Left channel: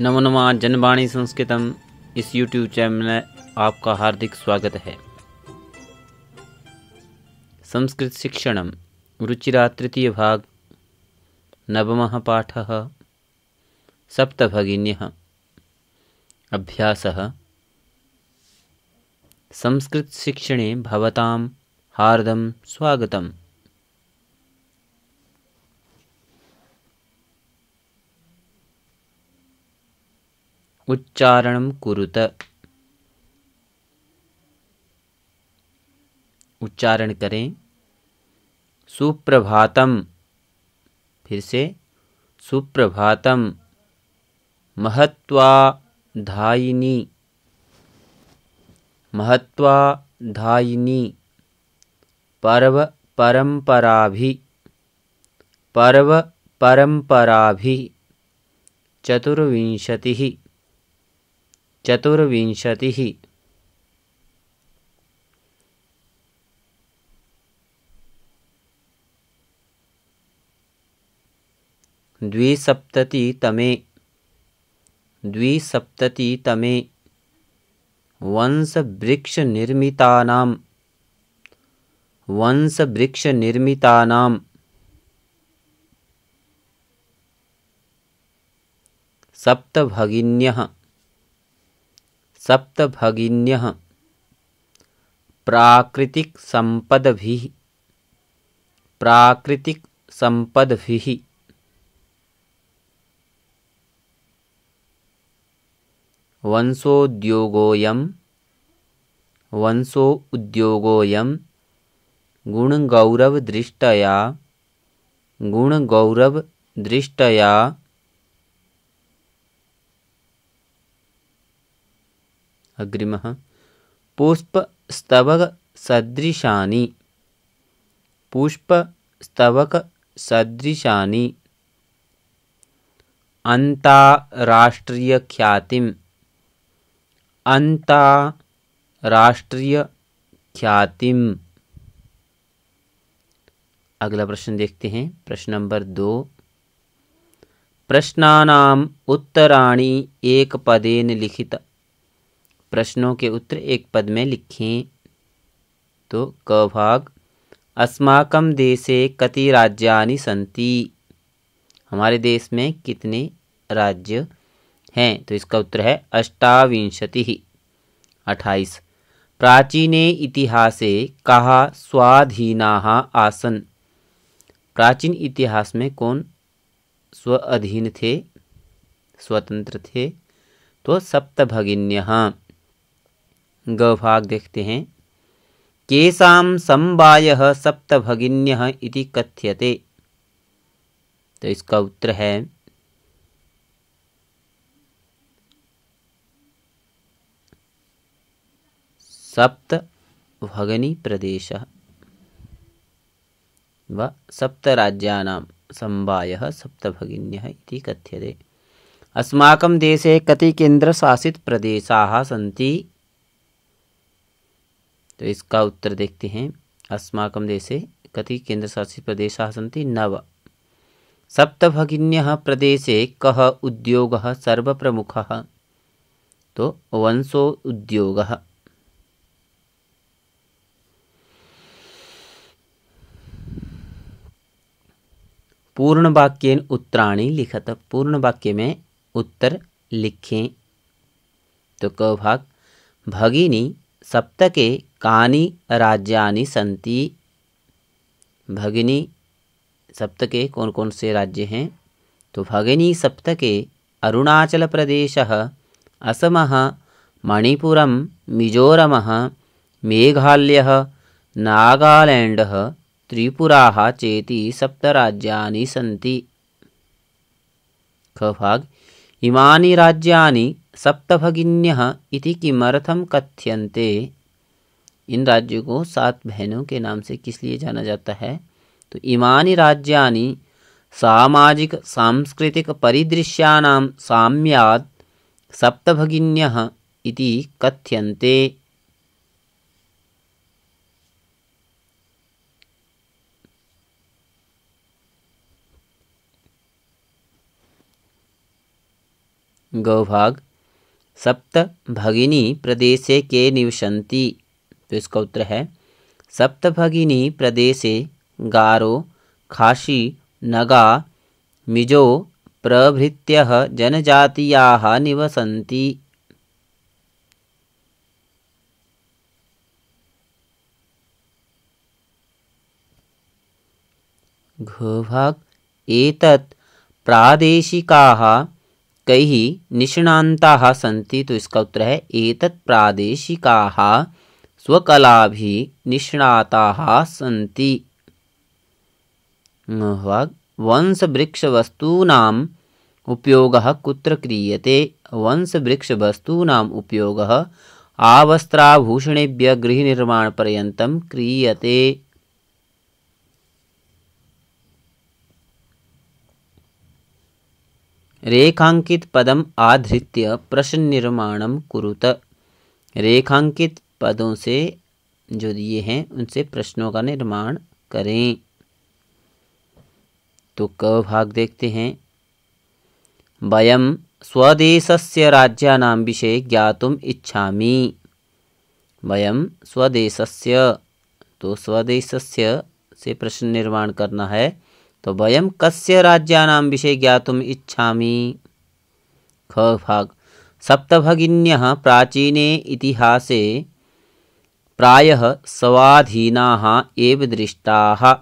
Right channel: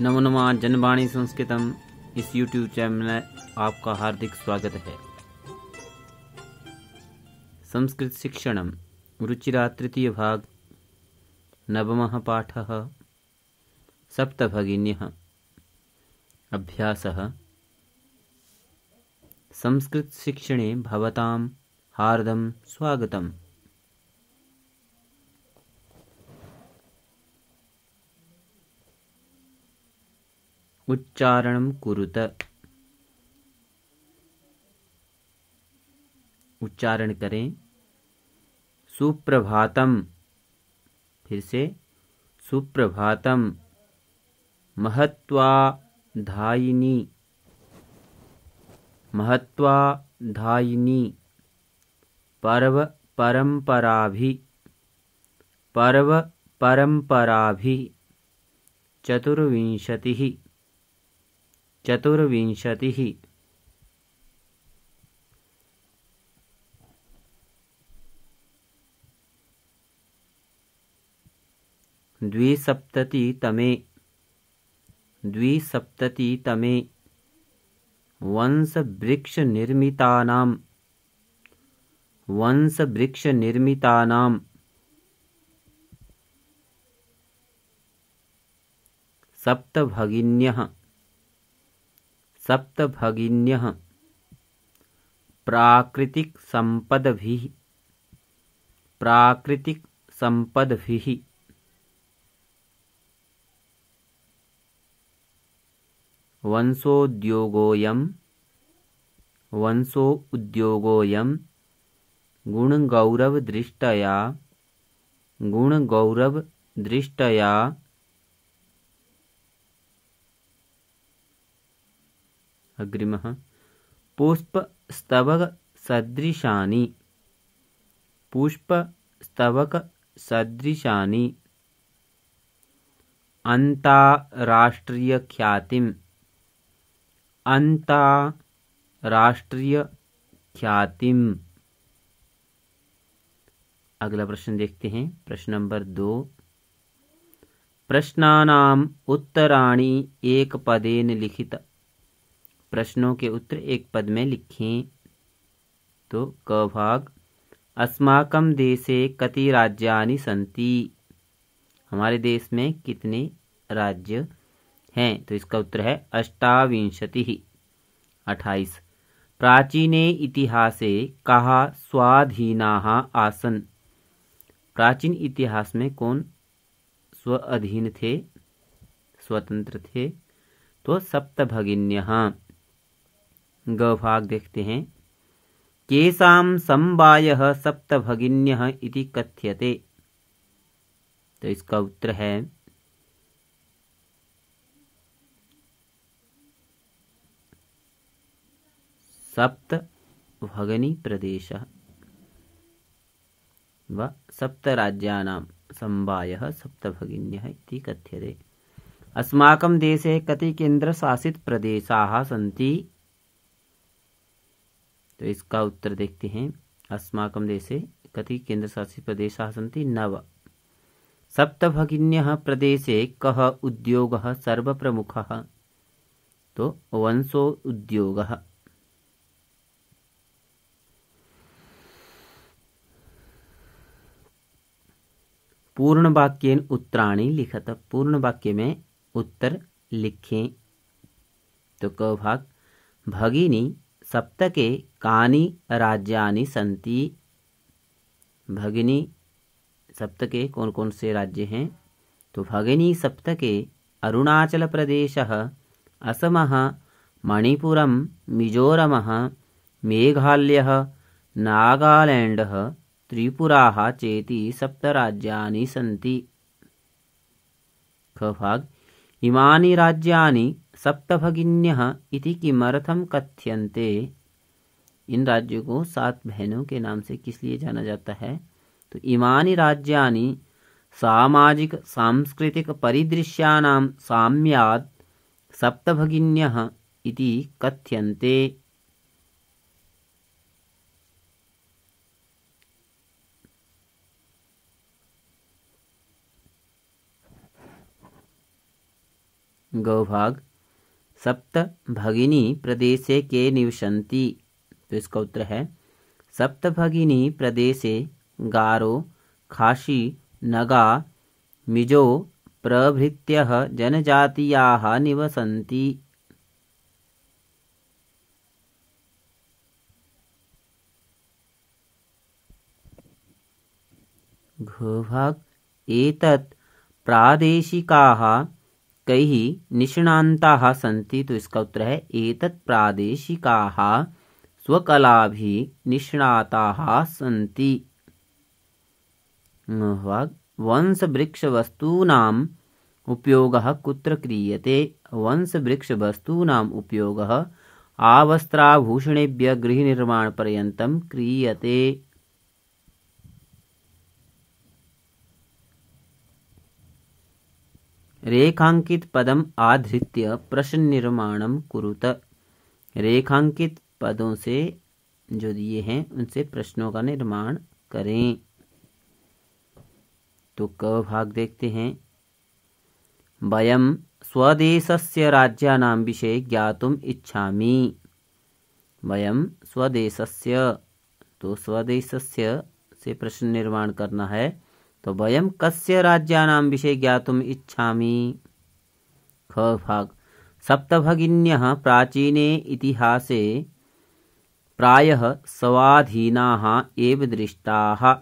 नमो नमः जनवाणी संस्कृतम इस YouTube channel में आपका हार्दिक स्वागत है। संस्कृत शिक्षणम रुचिरा तृतीय भाग नवमः पाठः सप्तभगिन्यः अभ्यासः। संस्कृत शिक्षणे भवतां हार्दं स्वागतम्। उच्चारणं कुरुत। उच्चारण करें। सुप्रभातम, फिर से सुप्रभातम। महत्वाधायिनी, महत्वाधायिनी। पर्व परंपराभि, पर्व परंपराभि। चतुर्विंशतिः, चतुर्विंशतिः। द्विसप्ततितमे, द्विसप्ततितमे। वंशवृक्षनिर्मितानां, वंशवृक्षनिर्मितानां। सप्तभगिन्यः, सप्तभगिन्यः। प्राकृतिकसम्पद्भिः, प्राकृतिकसम्पद्भिः। वंशोद्योगोऽयं, वंशोद्योगोऽयं। गुणगौरवदृष्ट्या, गुणगौरवदृष्ट्या। अग्रिमः पुष्पस्तबकसदृशानि, पुष्पस्तबकसदृशानि। अन्ताराष्ट्रीयख्यातिम्, अन्ताराष्ट्रीयख्यातिम्। अगला प्रश्न देखते हैं। प्रश्न नंबर 2। प्रश्नानाम् उत्तराणि एकपदेन लिखित। प्रश्नों के उत्तर एक पद में लिखें। तो क भाग। अस्माकं देशे कति राज्यानि सन्ति। हमारे देश में कितने राज्य हैं। तो इसका उत्तर है अष्टाविंशतिः, 28। प्राचीने इतिहासे कः स्वाधीनाः आसन्। प्राचीन इतिहास में कौन स्वाधीन थे, स्वतंत्र थे। तो सप्तभगिन्यः। ग भाग देखते हैं। केषां समवायः सप्तभगिन्यः इति कथ्यते। तो इसका उत्तर है सप्तभगिनी प्रदेशः व सप्तराज्यानां समवायः सप्तभगिन्यः इति कथ्यते। अस्माकं देशे कति केन्द्रशासित प्रदेशाः सन्ति। तो इसका उत्तर देखते हैं। अस्माकं देशे कति केन्द्रशासित प्रदेशाः सन्ति। 9। सप्तभगिन्यः प्रदेशे कः उद्योगः सर्वप्रमुखः। तो वंशो उद्योगः। पूर्ण वाक्येन उत्तराणि लिखत। पूर्ण वाक्य में उत्तर लिखें। तो क भाग। भगिनी सप्तके कानि राज्यानि सन्ति। भगिनी सप्तके कौन कौन से राज्य हैं। तो भगिनी सप्तके अरुणाचल प्रदेशः, असमः, मणिपुरम, मिजोरमः, मेघालयः, नागालैंडः, त्रिपुराः चेति सप्तराज्यानि सन्ति। ख भाग। इमानि राज्यानि सप्तभगिन्यः इति किमर्थं कथ्यन्ते। इन राज्यों को 7 बहनों के नाम से किस लिए जाना जाता है। तो इमानि राज्यानि सामाजिक सांस्कृतिक परिदृश्यानां साम्यात् सप्तभगिन्यः इति कथ्यन्ते। गौभाग सप्त भगिनी प्रदेशे के निवसन्ति। तो इसका उत्तर है सप्त भगिनी प्रदेशे गारो खासी नगा मिजो प्रभृत्यः जनजातीयाः निवसन्ति। घभाग एतत् प्रादेशिकाः कैः निष्णान्ताः सन्ति। तो इसका उत्तर है एतत् प्रादेशिकाः स्वकलाभिः निष्णाताः सन्ति। वंशवृक्षवस्तूनाम् उपयोगः कुत्र क्रियते। वंशवृक्षवस्तूनाम् उपयोगः आवस्त्राभूषणेभ्यः गृहनिर्माणपर्यन्तं क्रियते। रेखांकित पदम आधृत्य प्रश्न निर्माणम कुरुत। रेखांकित पदों से जो दिए हैं उनसे प्रश्नों का निर्माण करें। तो क भाग देखते हैं। वयम स्वदेशस्य राज्यानां विषये ज्ञातुम इच्छामि। वयम स्वदेशस्य, तो स्वदेशस्य से प्रश्न निर्माण करना है। तो वयम कस्य राज्यानां विषये ज्ञातुम इच्छामि। ख भाग सप्तभगिन्यः प्राचीने इतिहासे प्रायः स्वाधीनाः एव दृष्टाः।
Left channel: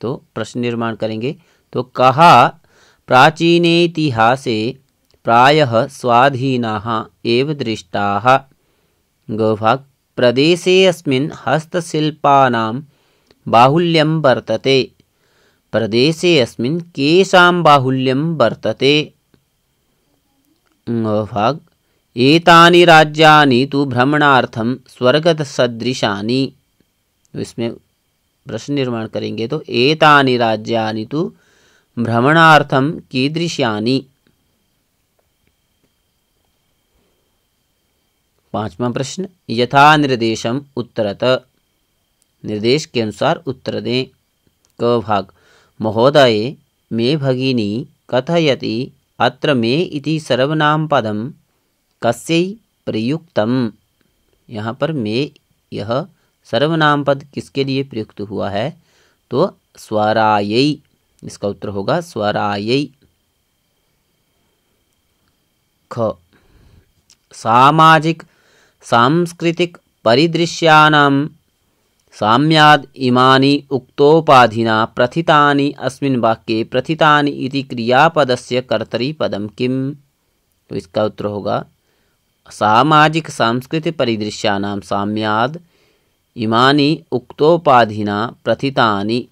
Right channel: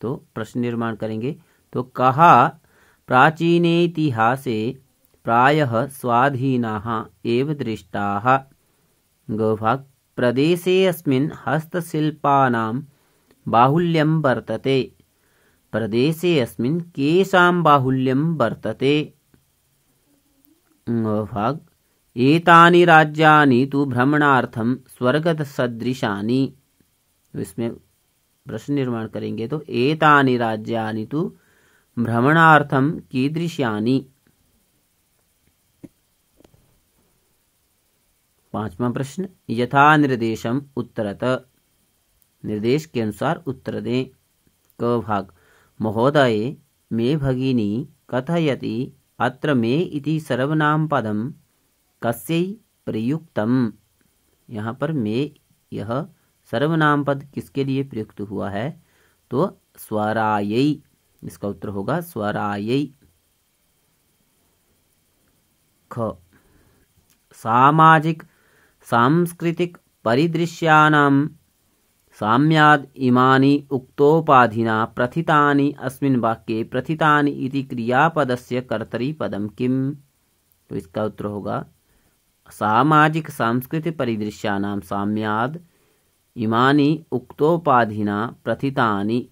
तो प्रश्न निर्माण करेंगे। तो कहा प्राचीने इतिहासे प्रायः स्वाधीनाः एव दृष्टाः। ग भाग प्रदेशे अस्मिन् हस्तशिल्पानां बाहुल्यं वर्तते। प्रदेशे अस्मिन् केषां बाहुल्यं वर्तते। भाग एतानि राज्यानि तु भ्रमणार्थं स्वर्गसदृशानि। इसमें प्रश्न निर्माण करेंगे। तो एतानि राज्यानि तु भ्रमणार्थं कीदृशानि। पांचवा प्रश्न यथा निर्देशम उत्तरत। निर्देश के अनुसार उत्तर दें। क भाग महोदय मे भगिनी कथयति अत्र मे इति सर्वनाम पदम कस्यै प्रयुक्तम। यहाँ पर मे यह सर्वनाम पद किसके लिए प्रयुक्त हुआ है। तो स्वरायै। इसका उत्तर होगा स्वरायै। ख सामाजिक सांस्कृतिक परिदृश्यानां साम्याद् इमानि उक्तोपाधिना प्रथितानि अस्मिन् वाक्ये प्रथितानि इति क्रियापदस्य कर्तरीपदं किम्। तो इसका उत्तर होगा सामाजिक सांस्कृतिक परिदृश्यानां साम्याद् इमानि उक्तोपाधिना प्रथितानि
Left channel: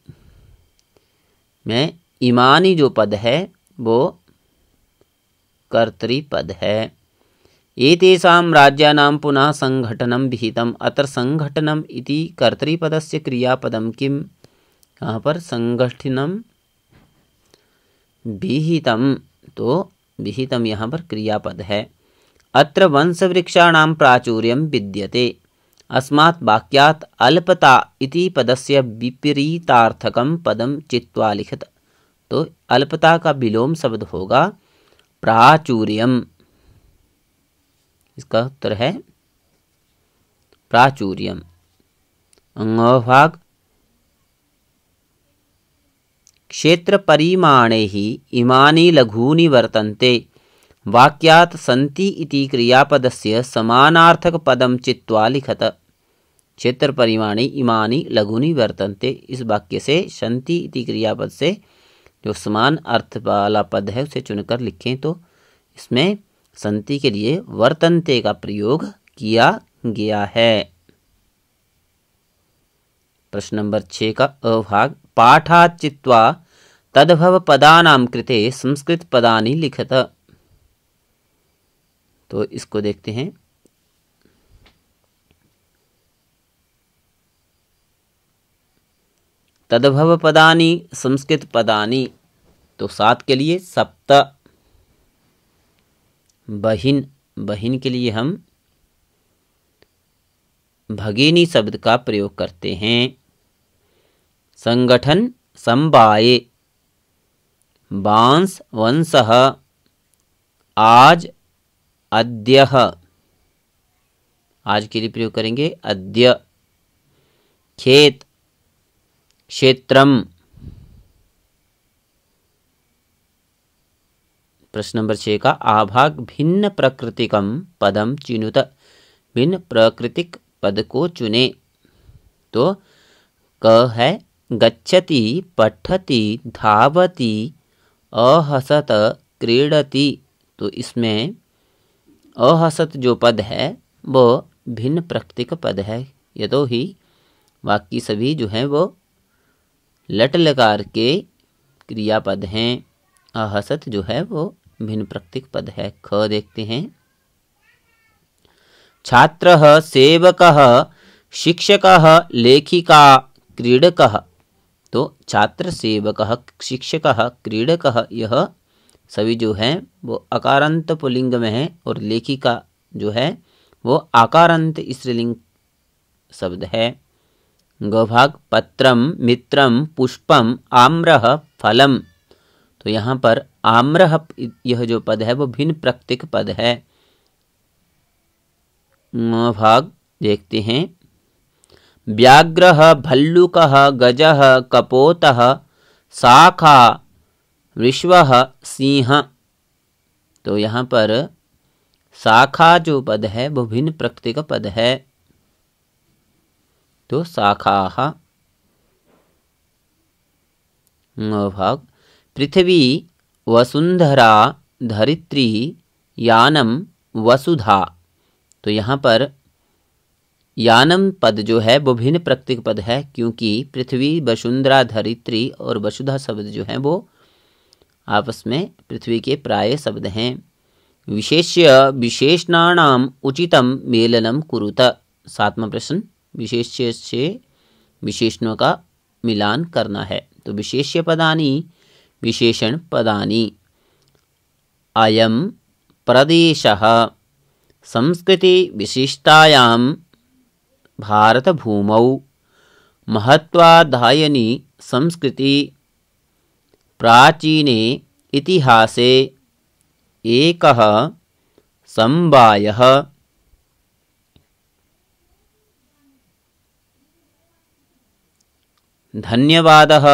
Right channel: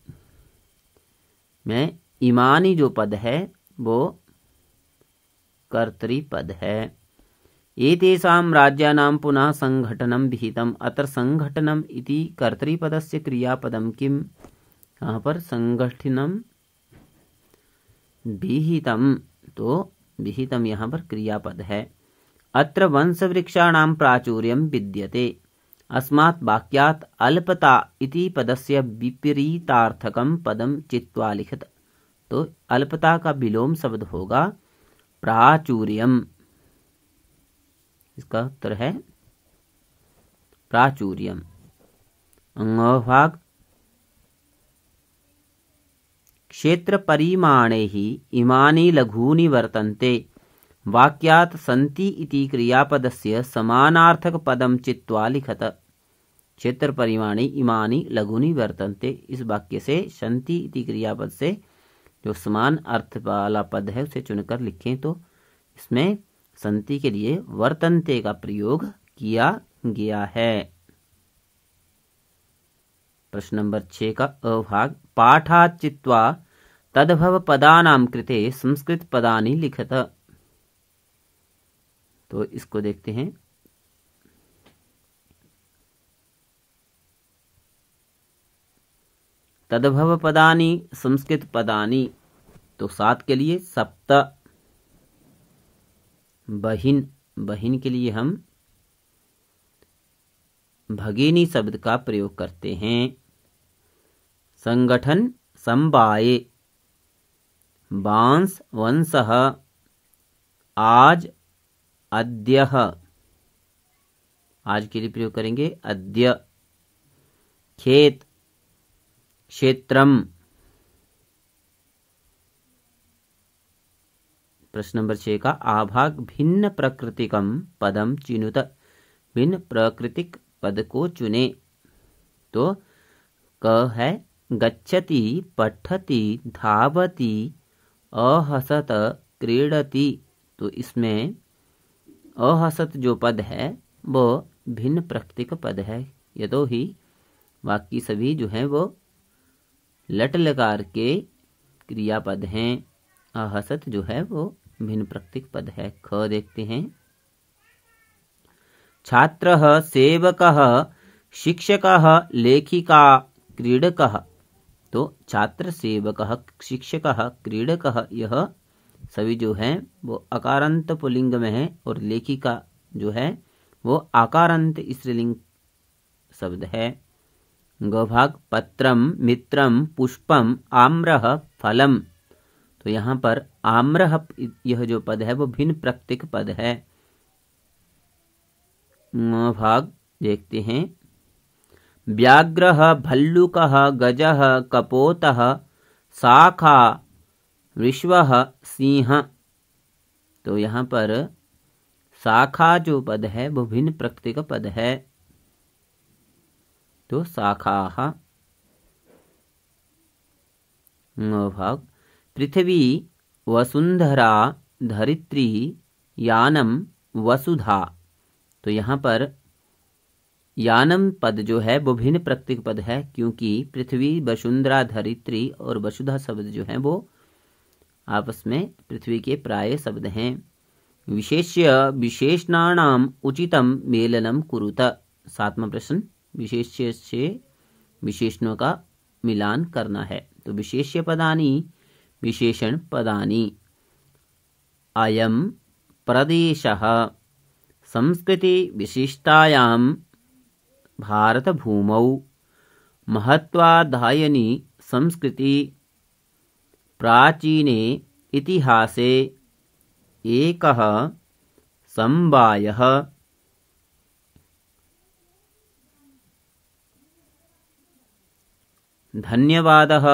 में इमानि जो पद है वो कर्तरीपद है। एतेषां राज्यानां पुनः संघटनं विहितम्। अत्र संघटनम् इति कर्तरीपदस्य क्रियापदं किम्। यहाँ पर संगठनम विहितम, तो विहितम यहाँ पर क्रियापद है। अत्र वंशवृक्षाणां प्राचुर्यं विद्यते। अस्मात् वाक्यात् अल्पता इति पदस्य विपरीतार्थकं पदं चित्वा लिखत। तो अल्पता का विलोम शब्द होगा प्राचुर्यम। इसका उत्तर है प्राचुर्यम। अंगभाग क्षेत्र परिमाणैः इमानि लघूनि वर्तन्ते। वाक्यात् सन्ति इति क्रियापदस्य समानार्थक पदं चित्वा लिखत। क्षेत्र परिमाणे इमानि लघूनि वर्तन्ते, इस वाक्य से सन्ति इति क्रियापद से जो समान अर्थ वाला पद है उसे चुनकर लिखें। तो इसमें संति के लिए वर्तन्ते का प्रयोग किया गया है। प्रश्न नंबर 6 का अभाग पाठात् चित्वा तद्भव पदानां कृते संस्कृत पदानि लिखत। तो इसको देखते हैं। तद्भव पदानि संस्कृत पदानि। तो 7 के लिए सप्त। बहिन, बहिन के लिए हम भगिनी शब्द का प्रयोग करते हैं। संगठन समवाये, बांस वंशः, आज, अद्यः, आज के लिए प्रयोग करेंगे अद्य। खेत, क्षेत्रम। प्रश्न नंबर 6 का आभाग भिन्न प्रकृतिकम पदम चिनुत, भिन्न प्राकृतिक पद को चुने। तो क है गच्छति, पठति, धावति, अहसत, क्रीडति। तो इसमें अहसत जो पद है वो भिन्न प्राकृतिक पद है, यतोहि बाकी सभी जो हैं वो लट लकार के क्रियापद हैं। अहसत जो है वो भिन्न प्राकृतिक पद है। ख देखते हैं। छात्रः, सेवकः, शिक्षकः, लेखिका, क्रीडकः। तो छात्र, सेवकः, शिक्षकः, क्रीडकः, यह सभी जो हैं वो अकारांत पुल्लिंग में है और लेखिका जो है वो आकारांत स्त्रीलिंग शब्द है। गभाग पत्रम, मित्रम, पुष्पम, आम्रः, फलम। तो यहाँ पर आम्रः यह जो पद है वो भिन्न प्राकृतिक पद है। भाग देखते हैं। व्याघ्रः, भल्लुकः, गजः, कपोतः, शाखा, विश्वः, सिंह। तो यहाँ पर शाखा जो पद है वो भिन्न प्राकृतिक पद है। तो शाखाः। भाग पृथ्वी, वसुंधरा, धरित्री, यानम, वसुधा। तो यहाँ पर यानम पद जो है वो भिन्न प्राकृतिक पद है, क्योंकि पृथ्वी, वसुंधरा, धरित्री और वसुधा शब्द जो हैं वो आपस में पृथ्वी के प्राय शब्द हैं। विशेष्य विशेषणानाम उचितम मेलनम कुरुत। 7वां प्रश्न, विशेष्य से विशेषणों का मिलान करना है। तो विशेष्य पदानि, विशेषण पदानि। अयम प्रदेशः संस्कृति विशिष्टायां भारत भूमौ महत्वाधायनी संस्कृति प्राचीने इतिहासे एकः समवायः। धन्यवादः।